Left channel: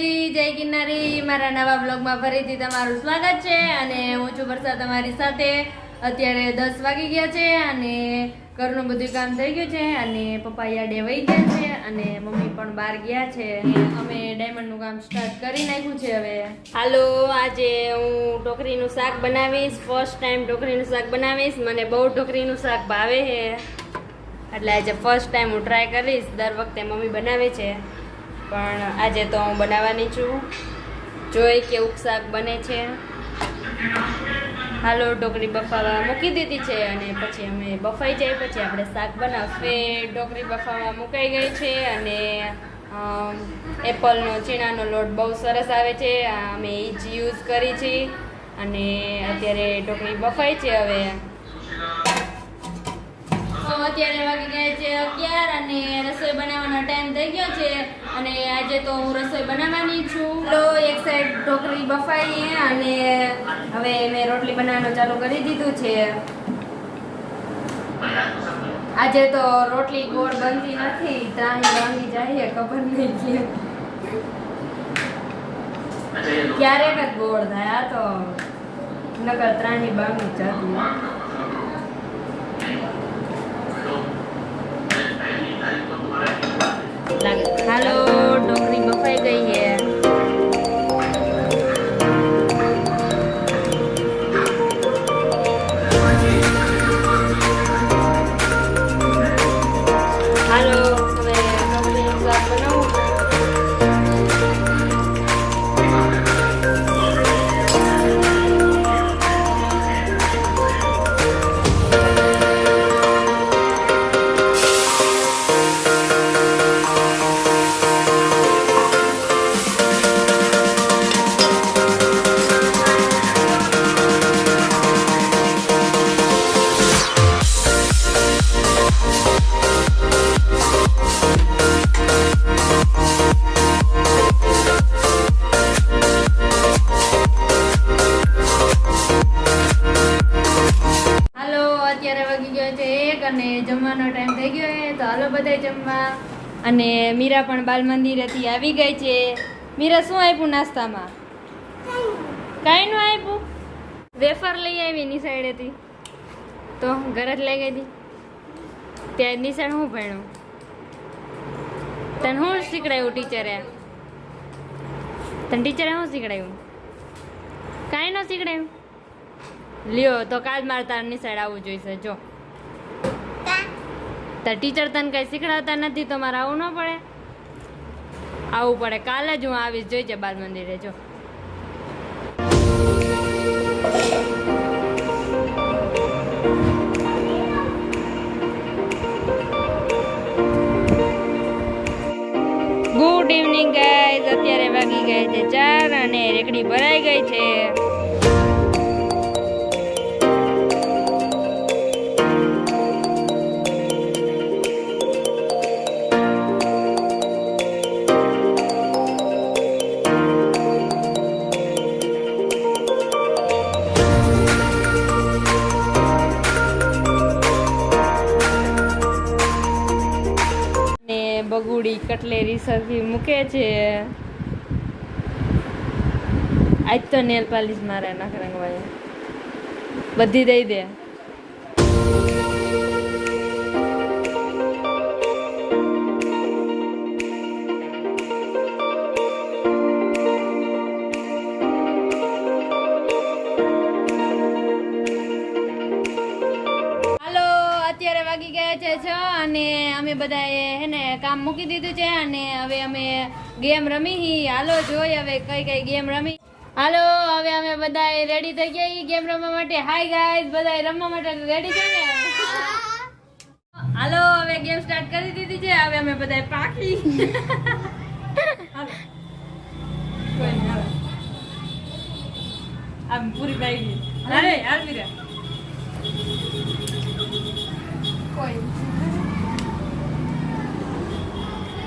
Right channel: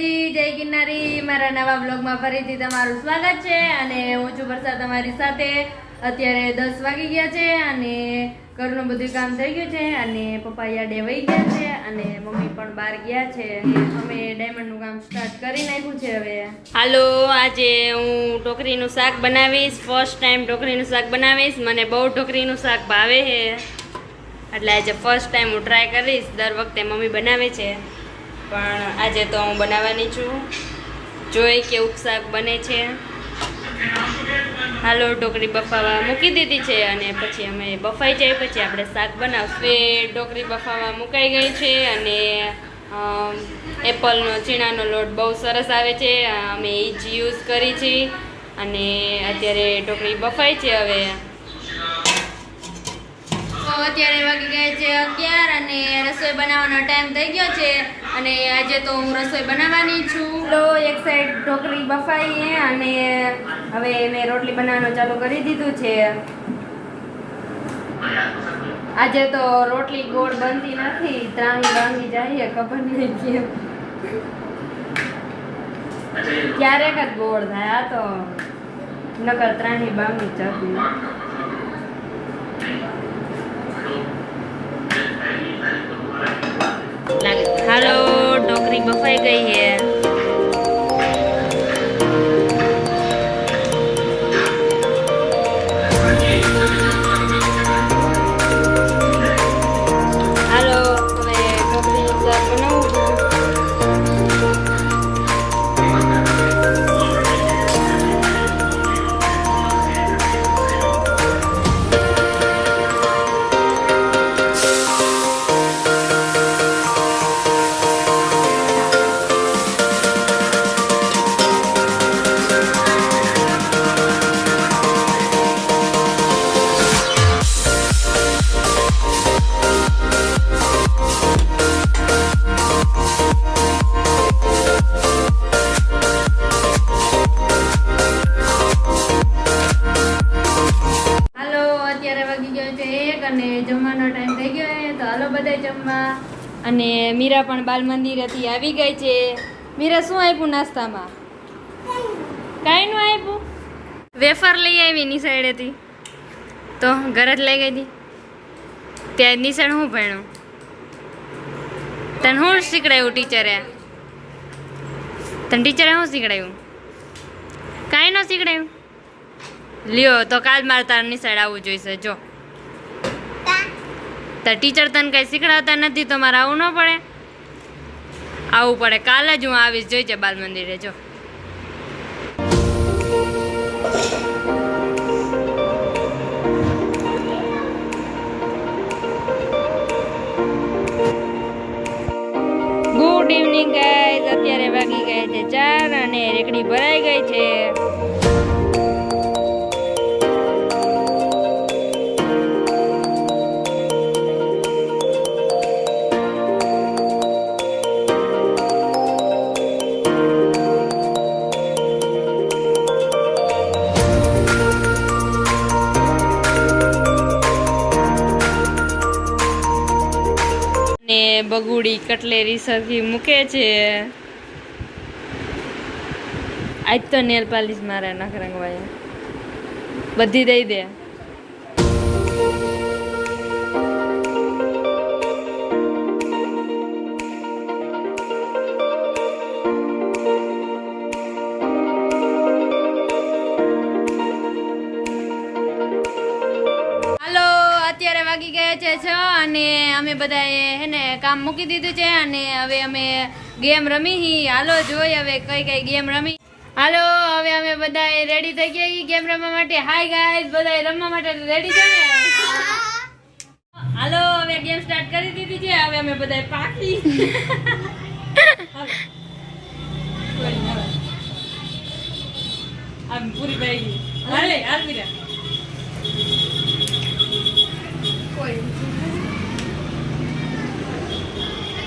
માતાજી, જય ગિરનારી। મારા નવા બ્લોગમાં ફરીથી તમારું સ્વાગત છે અને હું છું વર્ષા તમારી સાથે। અત્યારે 10 વાગી ગયા છે અને ઘરનું બધું કામ થઈ ગયું છે અને પપ્પા યાડે વહી ગયા છે અને મમ્મી પણ બહાર ગયા છે। અમે ડાયમંડનું કામ સ્ટાર્ટ કરી નાખ્યું છે। હવે હાલો, આજે હું ઢોકળીનું શાક બનાવીશ। ફર્સ્ટ ટાઈમ ઢોકળીનું શાક બનાવીશ। મને બહુ ઢોકળીનું શાક ભાવે છે, એટલે આજે ફર્સ્ટ ટાઈમ હું ટ્રાય કરીશ। દર વખતે મમ્મી બનાવે છે, પણ આજે તો હું બનાવવાની છું। જોઈ કેવું શાક બને છે। હાલો, ઢોકળી બફાવા મૂકી દીધી છે અને પછી અમે બફાઈ જાય પછી આપણે શાક બનાવશું। ઢોકળી બફાવા મુકાઈ ગઈ છે અને એપલનો ચીણાનો લોટ બહુ સરસ આવે છે, અમે એ જ યુઝ કરી છે અને અત્યારે ઢોકળી બફાઈ છે। હવે અત્યારે વાગી ગયા છે 11 અને રસોઈ બનાવવાનો ટાઈમ થઈ ગયો છે અને આજે તો હું રસોઈ બનાવવાની છું। તો એક સાઈડ ઢોકળી બફાઈ અને હવે મેં રોટલી બનાવવાનું ચાલુ કરી દીધું છે। આજે તો રોટલી ગોળ બનતી નથી, ત્રાહી બની જાય, ખબર નહીં કેમ, ક્યારેક જ ગોળ થાય, આ તો નકર ત્રાહી બાંગી જતી। હાલો, ઢોકળી બફાઈ ગઈ છે। હાલો, હવે ઢોકળીનું શાક બનાવું છું। અને જમવાનો ટાઈમ થઈ ગયો છે, તો હાલો બધા જમવા। અને મીરા પણ બાલ મંદિરેથી આવી ગઈ છે। મીરા, શું આપ્યું નાસ્તામાં? કાંઈ નું આપ્યું? વેફર લઈ આવી નિશાળેથી, તો ઘરે જ લઈ ગઈ હતી। ત્યાં નિશાળ શું ભણ્યું? તને શું શીખડાયું ટીચરે? તને ટીચરે શું શીખડાયું? કાંઈ ન શીખડાયું? લ્યો, તો કાલ મારે તારા નિશાળ આવવું જોઈશે। જો તાર ટીચર તને કઈ શીખડાવતા નથી તો મારે આવવું ન પડે? આવવું પડે, કાલે જ હું આવીશ, જોઈજે બાલ મંદિરે। જો ગુડ ઇવનિંગ ગાઈઝ, અત્યારે વાગી ગઈ છે 4 અને રેકડી ભરાઈ ગઈ છે। બગુડી કટલેરી સરખી મૂકે છે। આજ તો નેલ પાલિશ મારે નખ રંગવાય, બધી દઈ દે। અત્યારે વાગી ગયા છે 6 અને અમે બધાએ હે ને કામ મૂકી દીધું છે અને હવે અમે ગેમ રમી। હાલો જોઈ હવે કઈ કઈ ગેમ રમી। હાલો, હવે અમે બધાએ રેડી થઈ ગયા ગેમ રમવા માટે। હાય ગાઈઝ, બધાએ રમવા માટે રેડી છે ને? હાલો, હવે ગેમ સ્ટાર્ટ કરી દીધી છે। હવે અમે બધાએ પાકી આમ પૂરી પડી ગઈ। અરે હાલ મીરા,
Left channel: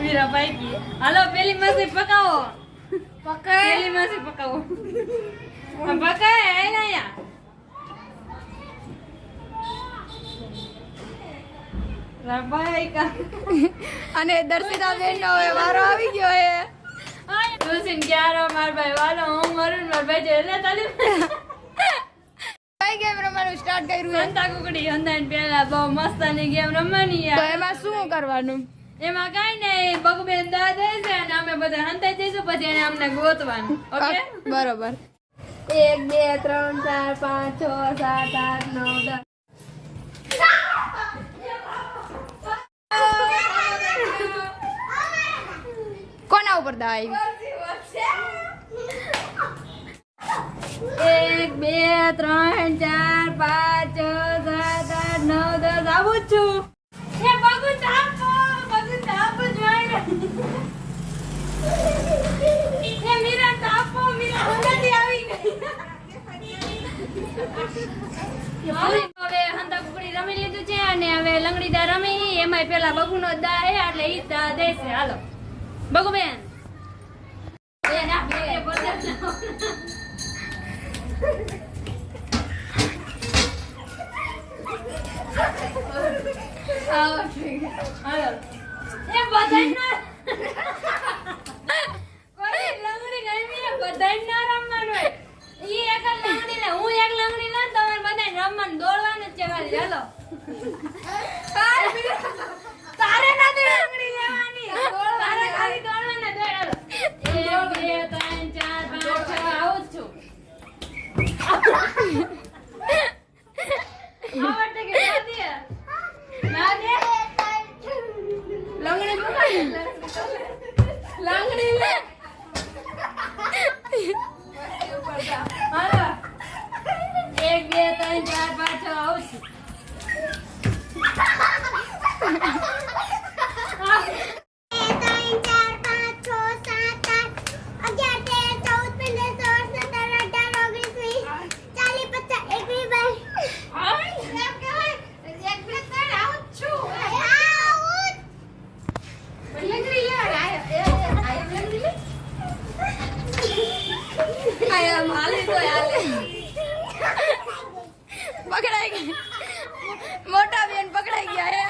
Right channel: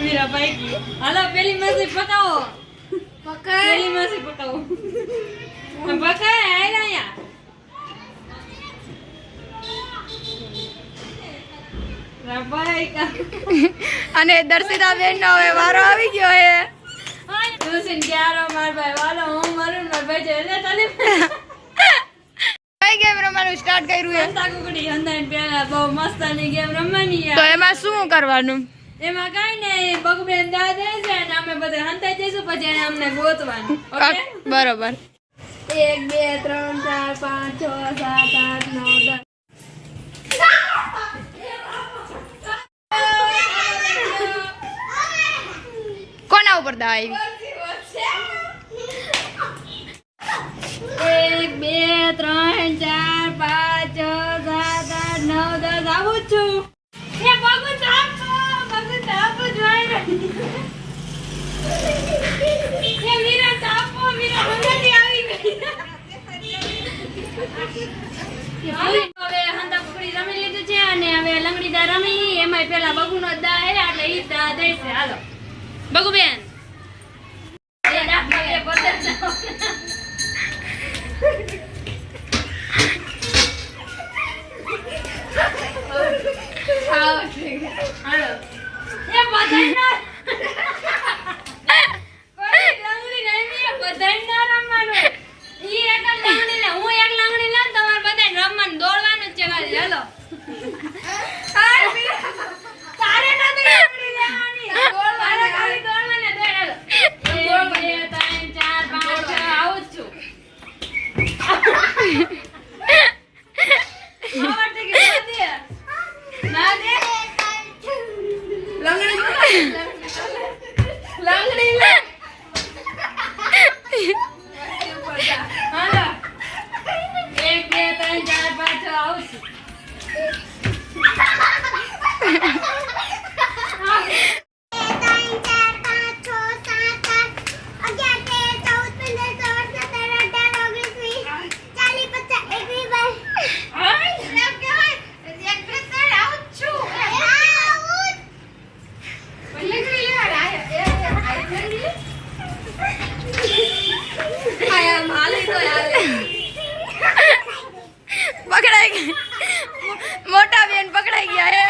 મીરા ભાઈ की। હાલો, પેલી માસી પકાવો, પેલી માસી પકાવો, પકાય આયલા યા। અને દર્શિતા બેન નો હવે વારો આવી ગયો હે। તું સિન ક્યારો માર ભાઈ વાલો હું મરું માર ભાઈ જે એટલે તને કઈ ગેમ રમવાનું સ્ટાર્ટ કર્યું છે? હંતા કુકડી હંતાઈને પેલા બહુ મસ્તની ગેમ રમવાની તો એમાં શું કરવાનું? એમાં કઈ નહીં બગુબેન દાદા છે અને અમે બધા હંતાઈ જઈશું પછી એને અમને ગોતવાનું ઓકે બરોબર. 1 2 3 4 5 6 7 8 9 કોના ઉપર દવા આવી? 1 2 3 4 5 6 7 8 9 10 આવું જ છું એ બગુ તાપો જોઈ એ મીરા તાપો મીરા હંગાથી આવી ગઈ હવે હંતા કુકડી રમી લીધું છે અને હવે લંગડીદા રમી એમાં પેલા બગુનો દા હે એટલે ઈ દા દેશે હાલો બગુબેન એ ના બે પચાસ હાલો એ બધાય ના કોઈ લંગડી રમી બધાય ના રમવાનું ઈ એક લંગડી લે હું એક લંગડી લે તમારે બધાય રમવાનું દોડવાનું જ છે ખાલી હાલો તારે નથી લંગડી લેવાની દોડવાના ખાલી દોડવાના દોડ હાલો 1 2 3 4 5 6 આવું જ છું આવડતી કે ના દે લંગડી લે હાલો 1 2 3 4 5 6 આવું છું પકડાઈ ગઈ. મોટા બેન પકડાઈ ગયા હે.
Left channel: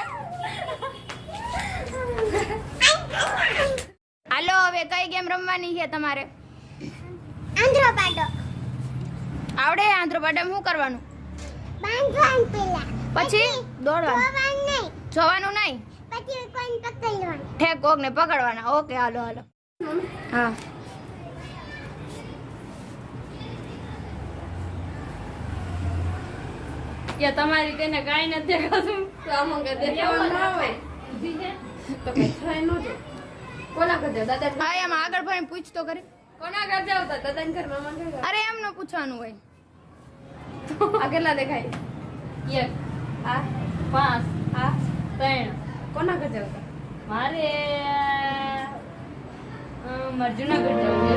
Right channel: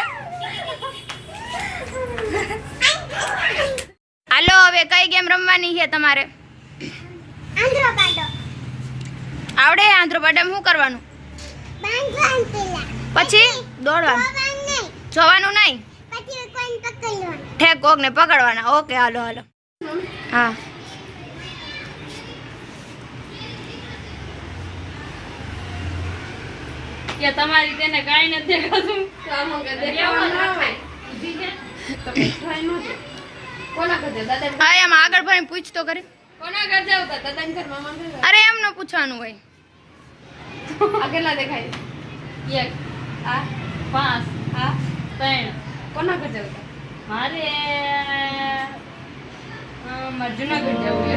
હાલો હવે કઈ ગેમ રમવાની છે તમારે? આવડે આંધ્રોપાડામાં શું કરવાનું? પછી દોડવાનું જોવાનું નહીં ઠેક કોક ને પકડવાના. ઓકે હાલો હાલો. હા કે તમારી તેને કાઈ નથી દેખાતું તો આમાં કે દેખાવાનું ના હોય તો કઈ થાય ન છે કોના ઘર જાવ દાદા હા એમ આગળ ભાઈ પૂછ તો કરી. કોના ઘર જાવ તો દાદા ઘર મામા ઘર અરે એમ ન પૂછવાનું હોય. આ કેટલા દેખાય 1 આ 5 આ 3 કોના ઘર જાવ મારે જુનાગઢ જવું છે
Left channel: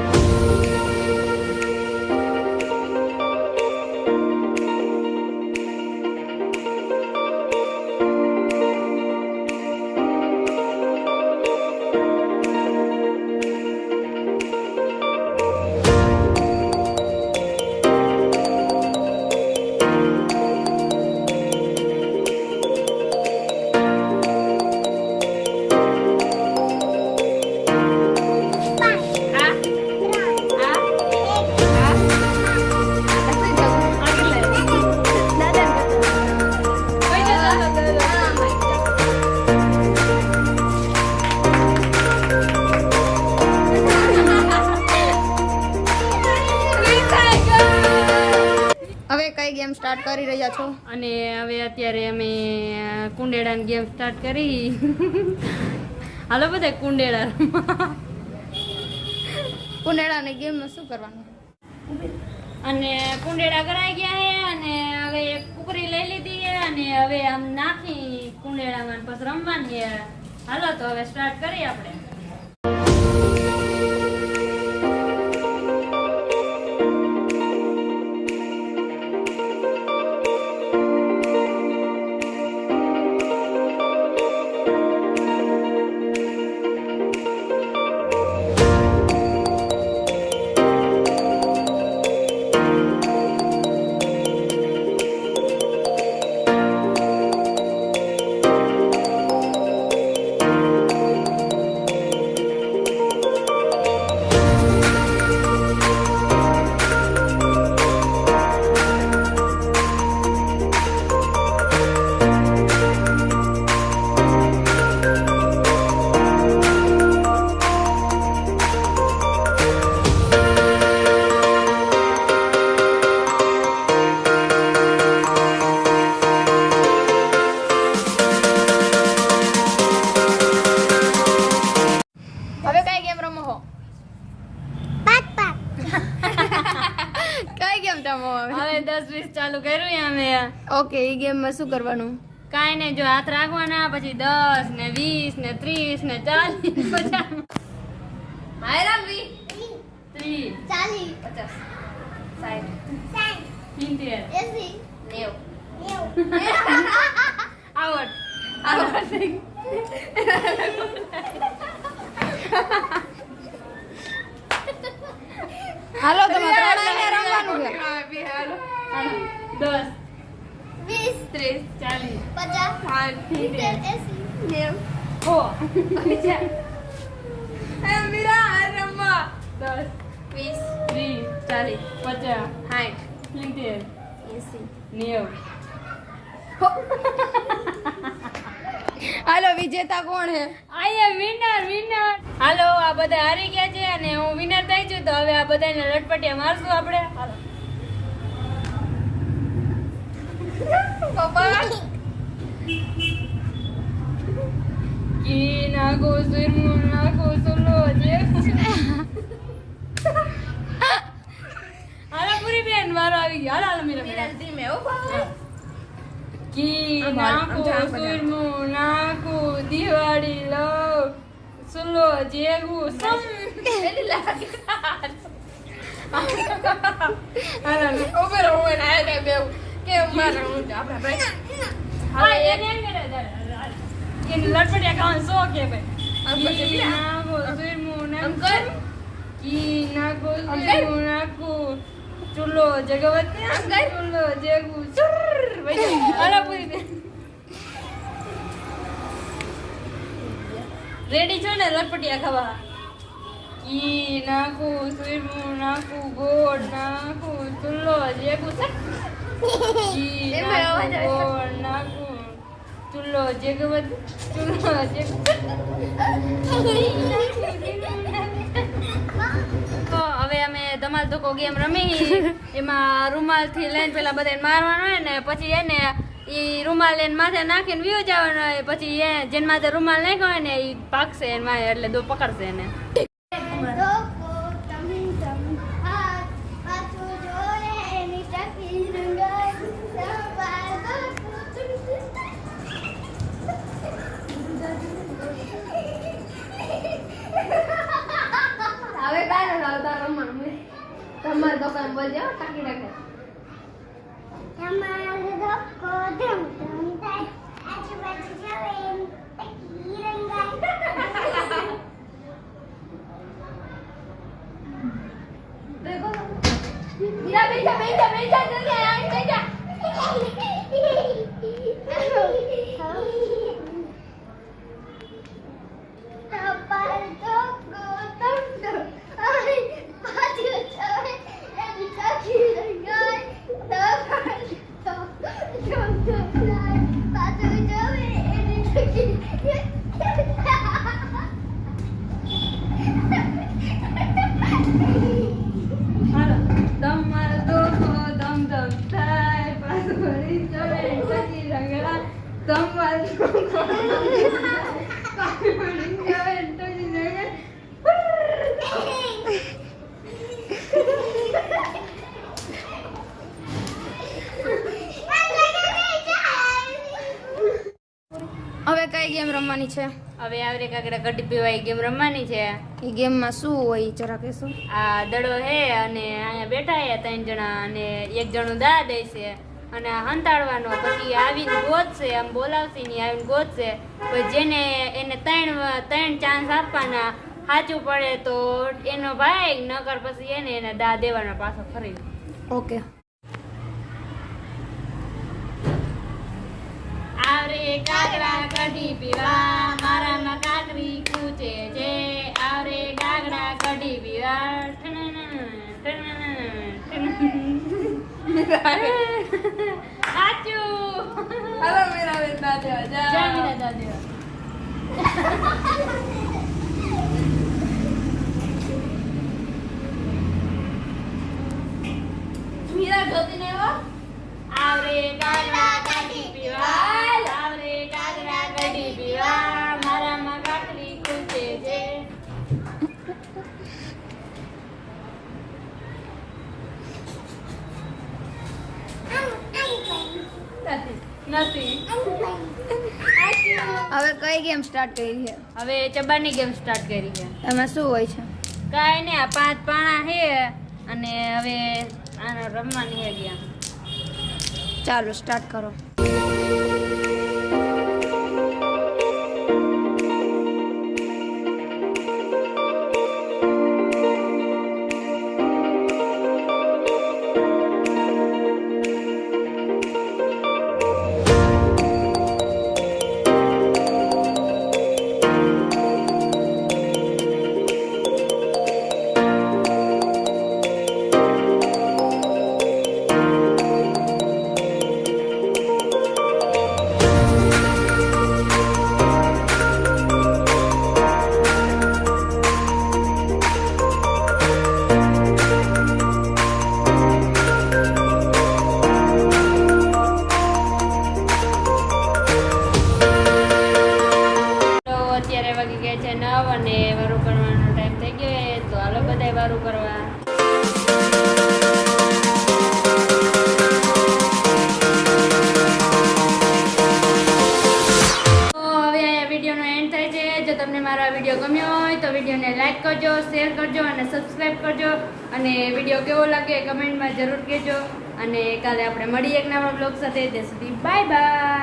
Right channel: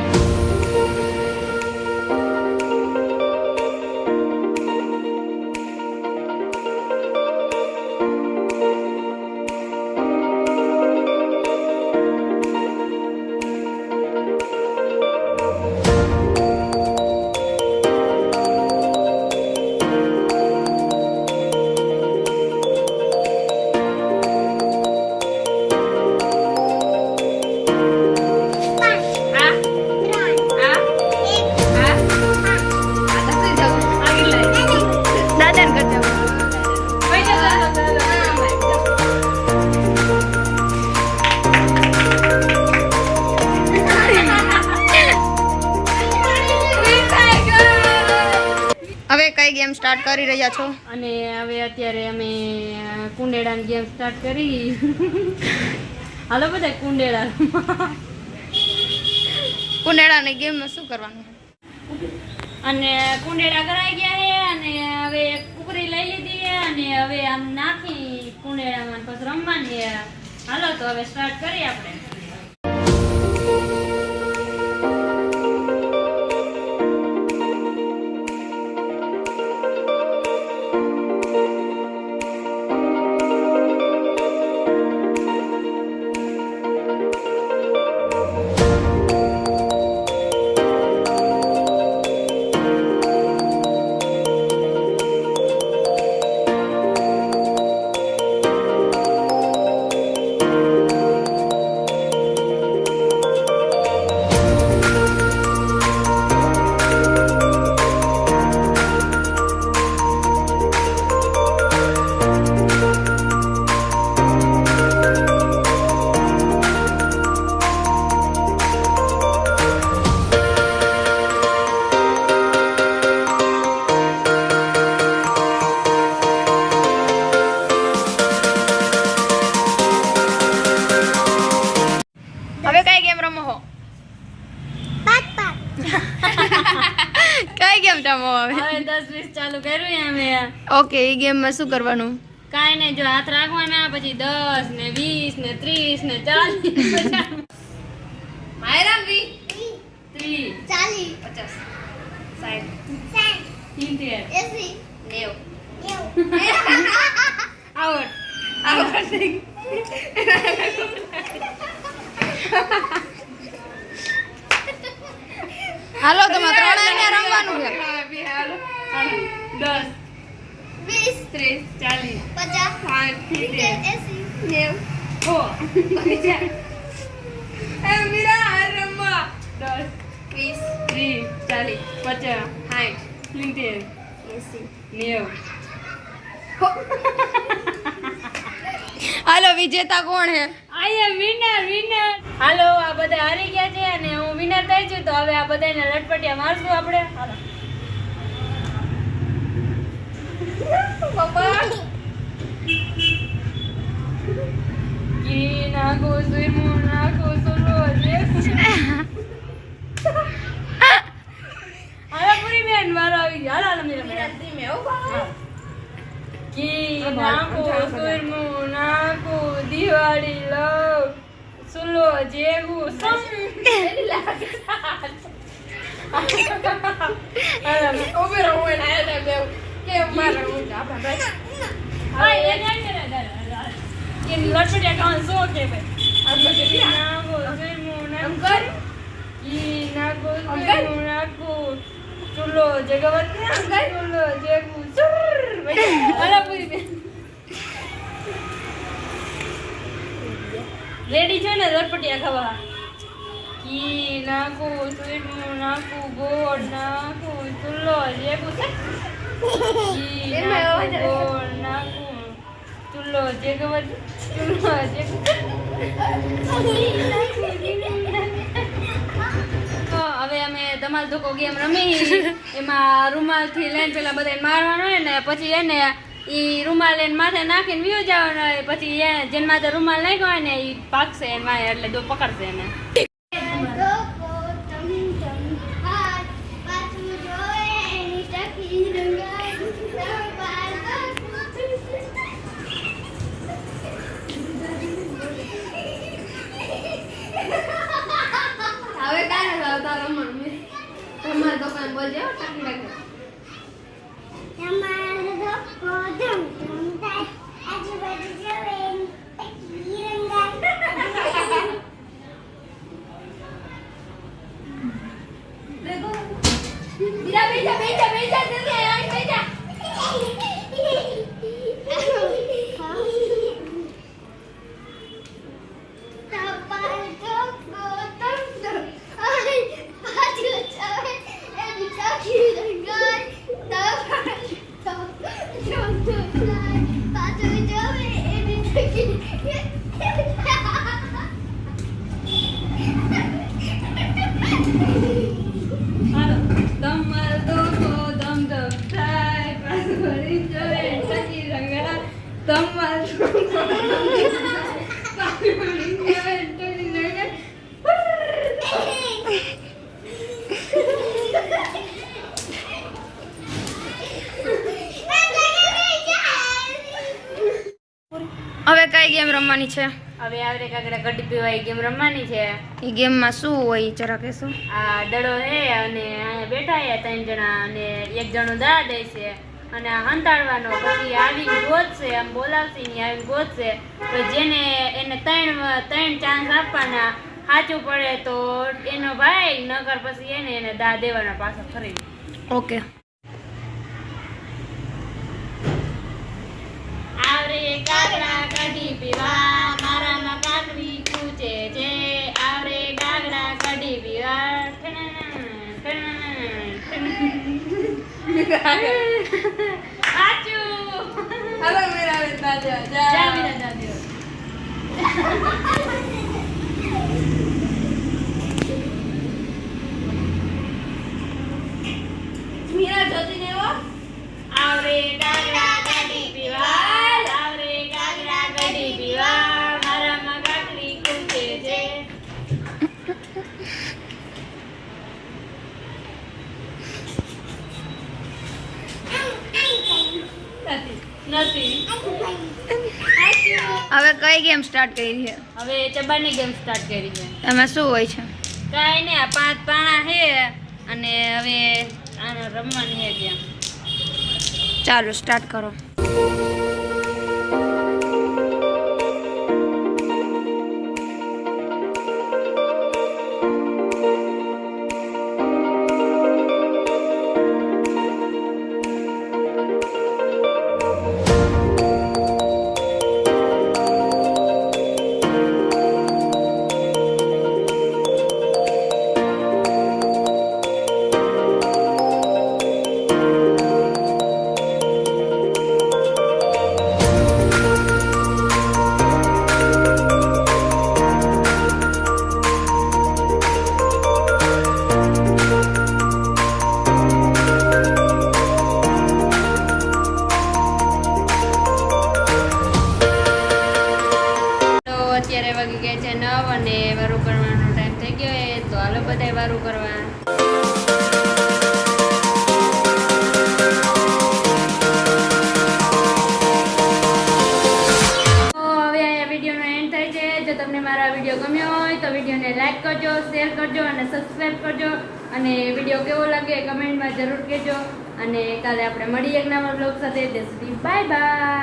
હવે કઈ ગેમ સ્ટાર્ટ કરી રહ્યા છો? અને હવે અત્યારે અમે કુંડેડાની ગેમ સ્ટાર્ટ કરી હાલો બધા કુંડેડા કુંડેડાની ગેમમાં શું કરવાનું? અને કુંડેડા કરાઈ ગયા છે અને હવે કુકરી લઈ લીધી છે અને હવે આમ નાખી કુંડેડામાં પછી રમવાની છે. હાલો તો હવે સ્ટાર્ટ કરીએ આપણે. ઓકે એ ગેમમાં શું કરવાનું? કાંઈ નહીં, જો હાથ રાખવાના, પછી 10 ને 20 ને 30 ને 40 50 માયરામ 20 30 50 60 70 આવડ હાલો તમે ત્રણેયને રમવાનું છે. 10 20 30 40 50 મીરા રમવા 10 20 30 40 50 60 હાલો વિજેતા કોણ હે? વિનર. હાલો, આ બધા હારી ગયા છે અને હું વિનર થઈ છું, તો હવે આ બધાને લટપટિયા મારશું આપણે. હાલો પપ્પા કી નાગો સુરમુ નાગો સુલો જે હાલો પૂરી બેન મારો આવી ગયો. હાલો મીરા ધીમે હો કી નાગો સુરમુ નાગો દિવાળી લવ સુલો જેવું સમ એલી લાગે હાલો ઓબે રહો ને આલે બેવ કેમ મારે હું આપડા ભાઈ હવે એ નહીં કરે કે લટપટિયા કાઉન સો કે ભાઈ કી નાગો સુરમુ નાગો કી નાગો સુરમુ નાગો સુલો જગવત સુલો જેવું સુર હાલો પૂરી બેન રેડી છો ને લટપટિયા ખાવા? કી નાખું સુરમું નાખું ગોળ નાખું ચૂલો જેવું છે કી નાખું ગોળ નાખું ચૂલો જેગવત ચૂલો જેગું હવે અમે ધમાલ ધોકો ગેમ રમી. એમાં રૂમાલથી લઈને પેલા બધાને મારવાનો હોય ને પછી એને ઈ રૂમાલ એને માથે નાખીને વ્યુ જવાનો હોય, પછી એ જેને માથે રૂમાલ નાખ્યો હોય ને ઈ પાકશે એને માથે, એટલે દો પકડશે એને. હવે કાંઈ નથી આવતા રમવાનું. તમારે તો કઈ બોલજો ટાંકી રાખે. હવે કઈ ગેમ રમવાની છે? હવે આવરે કાકડા કડી પીવાય ગેમ રમવાની છે. એ ગેમમાં શું હોય જરા કહેશો? આ દડો છે અને અહીંયા બેઠા છે 3 જણા અને એક જણો દા દે છે અને આ હંતાડવાનો, પછી આવીને ગોતશે, આમ બોલાવશે ને આવીને ગોતશે, પછી જેને એને 3 ચાન્સ આપવાના, સાચું પડે તો એનો ભાઈ, નકર પછી એને દા દેવાનો પાછો ફરી. ઓકે. આવરે કાકડા કઢી પીવા મારામાં કાકડી કૂચે છે, આવરે કાકડા કઢી પીવા સાચું. હવે મેરા બેટા જા જા મીરા જા દેવા. મીરા જોતી ને એવો આવરે કાકડા કઢી પીવા, આવરે કાકડા કઢી પીવા મારામાં કાકડી કૂચે છે. નથી. હવે કઈ ગેમ સ્ટાર્ટ કરી છે? હવે ચબાની ગેમ સ્ટાર્ટ કરી છે. એમાં શું હોય છે? કાંઈ નહીં, આ 5 પાણા છે અને હવે આને રમવાની છે ત્યાં. ચાલો સ્ટાર્ટ કરો. અત્યારે વાગી ગયા છે 9 અને વારું કરવાનો ટાઈમ થઈ ગયો છે, તો હાલો બધાય વારું કરવા. તો હવે અહીંયા વિડીયોનો એન્ડ થાય છે. જો તમને મારો આ વિડીયો ગમ્યો હોય તો વિડીયોને લાઈક કરજો, શેર કરજો અને સબસ્ક્રાઈબ કરજો. અને વિડીયો કેવો લાગ્યો એ કમેન્ટમાં જરૂર કહેજો. અને કાલે આપણે મળીએ એક નવા બ્લોગ સાથે. ત્યાં સુધી બાય બાય.